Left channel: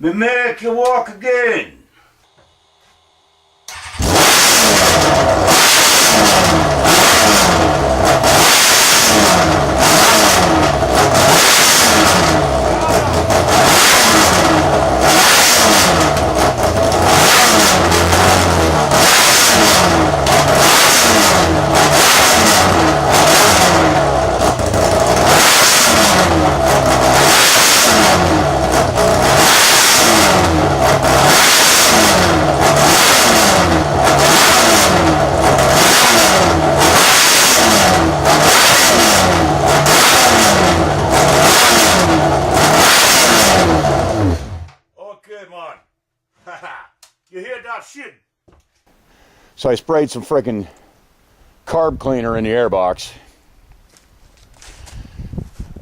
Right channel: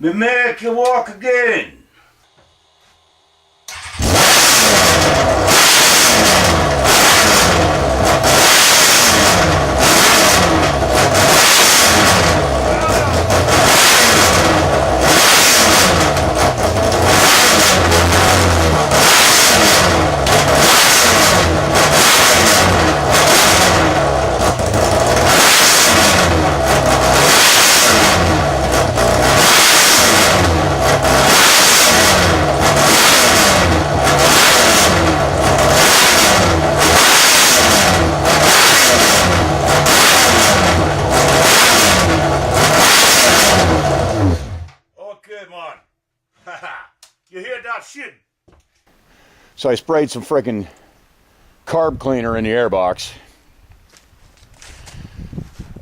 Me make you walk again. Okay, man. You hear that shit? So I sprayed some freaking carb cleaner in the airbox.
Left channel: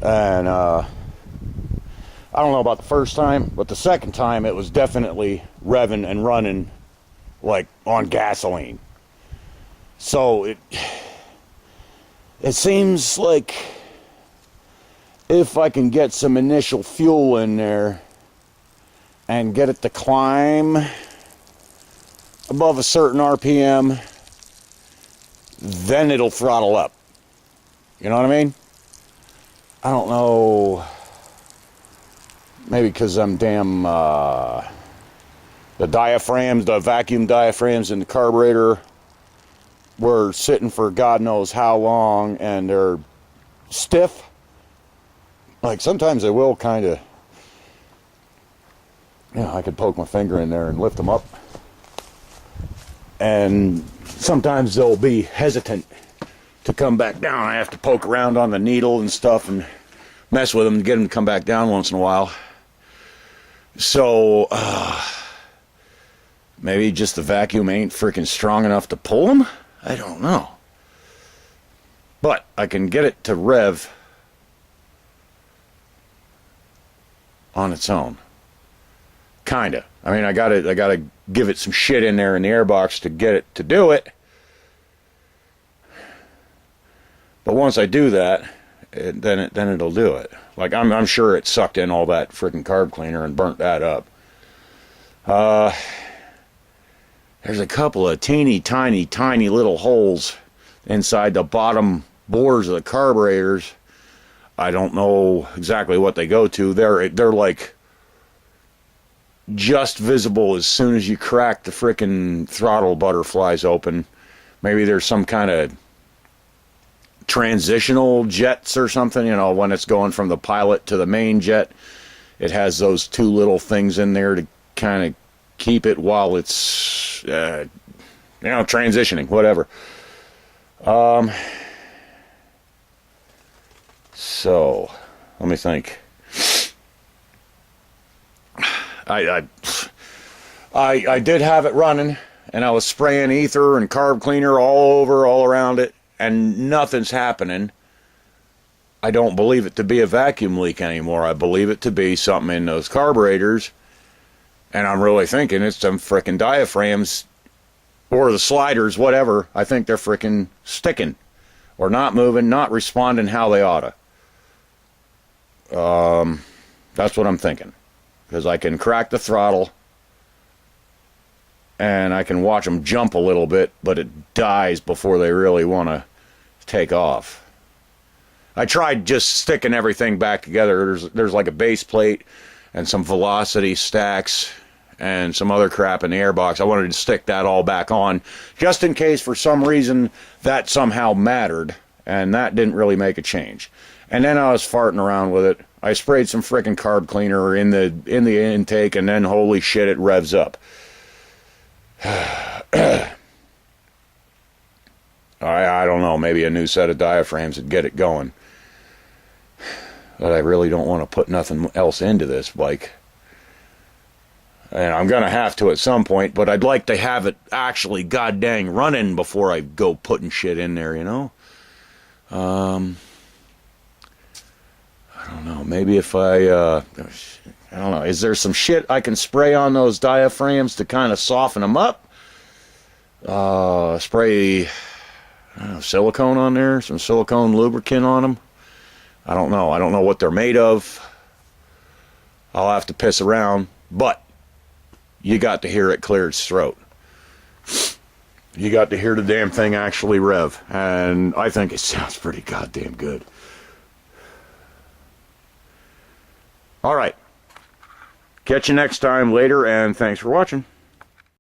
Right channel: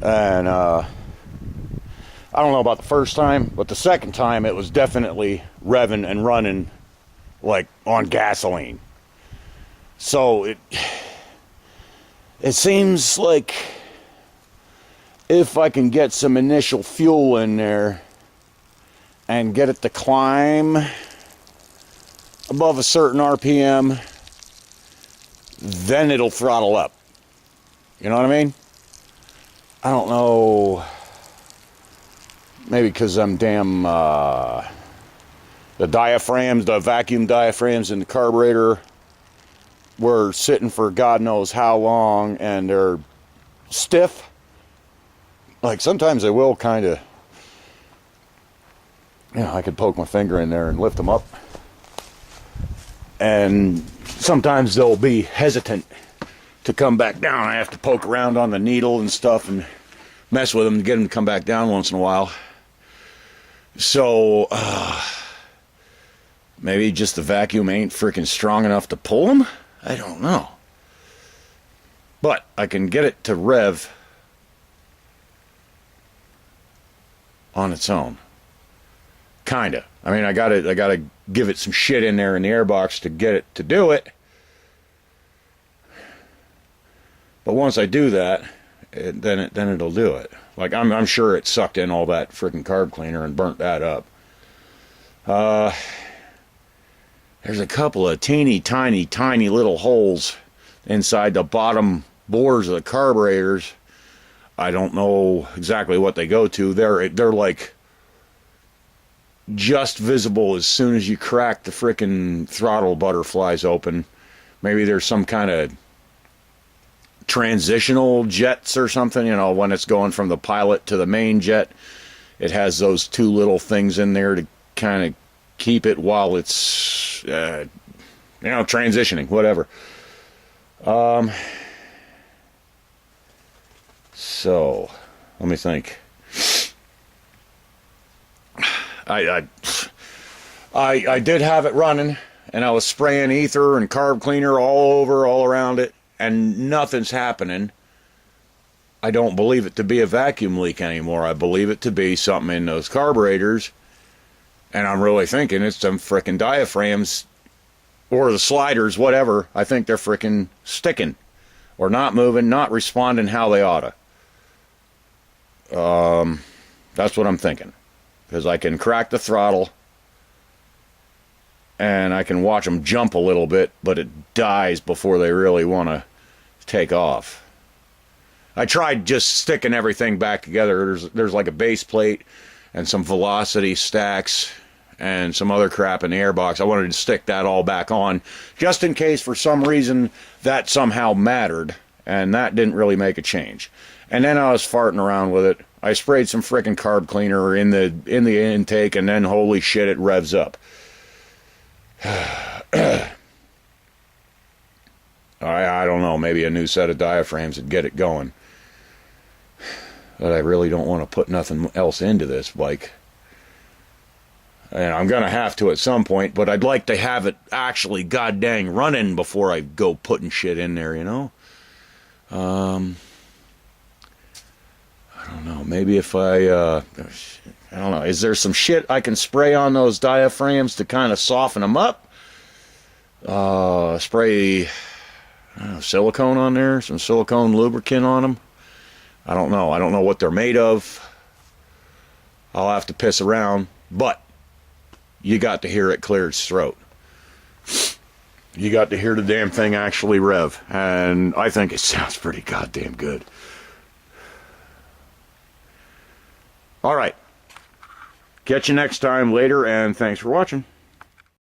And I don't know about the first time, but the second time it was definitely revving and running like on gasoline. So it seems like if I can get some initial fuel in there and get it to climb above a certain RPM, then it'll throttle up. You know what I mean? I don't know. Maybe because I'm damn, the diaphragms, the vacuum diaphragms in the carburetor were sitting for God knows how long, and they're stiff. Like sometimes they will kind of, I could poke my finger in there and lift them up. And sometimes they'll be hesitant to come back down. I have to poke around on the needle and stuff and mess with them to get them to come back down once in a while. So, maybe just the vacuum ain't freaking strong enough to pull them? I don't know. But I can get it to rev on its own. Kinda. I mean, I gotta give it some shit in there in the airbox to get it to do it. But once I do that, then it'll do it. Like I'm sure it sucked in all that freaking carb cleaner and burnt that up. There's a couple of teeny tiny little holes inside the bottom bores of the carburetors. I don't know exactly what they go to. They're like just visible as soon as you crack the frickin' throttle butterflies open. Maybe there's some kind of transitional jets or something, when it's going from the pilot to the main jet. It has those two little things in there to kind of keep it while it's, transitioning, whatever. So, let me think. I did have it running, and I was spraying ether and carb cleaner all around it, and nothing's happening. I don't believe it to be a vacuum leak anymore. I believe it to be something in those carburetors, and I'm really thinking it's some frickin' diaphragms or the sliders, whatever. I think they're frickin' sticking or not moving, not responding how they oughta. That's what I'm thinking. Because I can crack the throttle and I can watch them jump a little bit, but it dies before they really want to take off. I tried just sticking everything back together. There's like a base plate and some velocity stacks and some other crap in the airbox. I wanted to stick that all back on just in case for some reason that somehow mattered, and that didn't really make a change. And then I was farting around with it. I sprayed some frickin' carb cleaner in the intake, and then holy shit, it revs up. I don't know, maybe a new set of diaphragms would get it going. But I really don't want to put nothing else into this bike. And I'm going to have to at some point, but I'd like to have it actually goddamn running before I go putting shit in there, I don't know, maybe if I don't know, is there some shit I can spray on those diaphragms to kind of soften them up? Spray silicone on there, some silicone lubricant on them. I don't know what they're made of. I'll have to piss around, But you got to hear it clear its throat. You got to hear the damn thing actually rev, and I think it sounds pretty goddamn good. All right. Catch you next time later, and thanks for watching.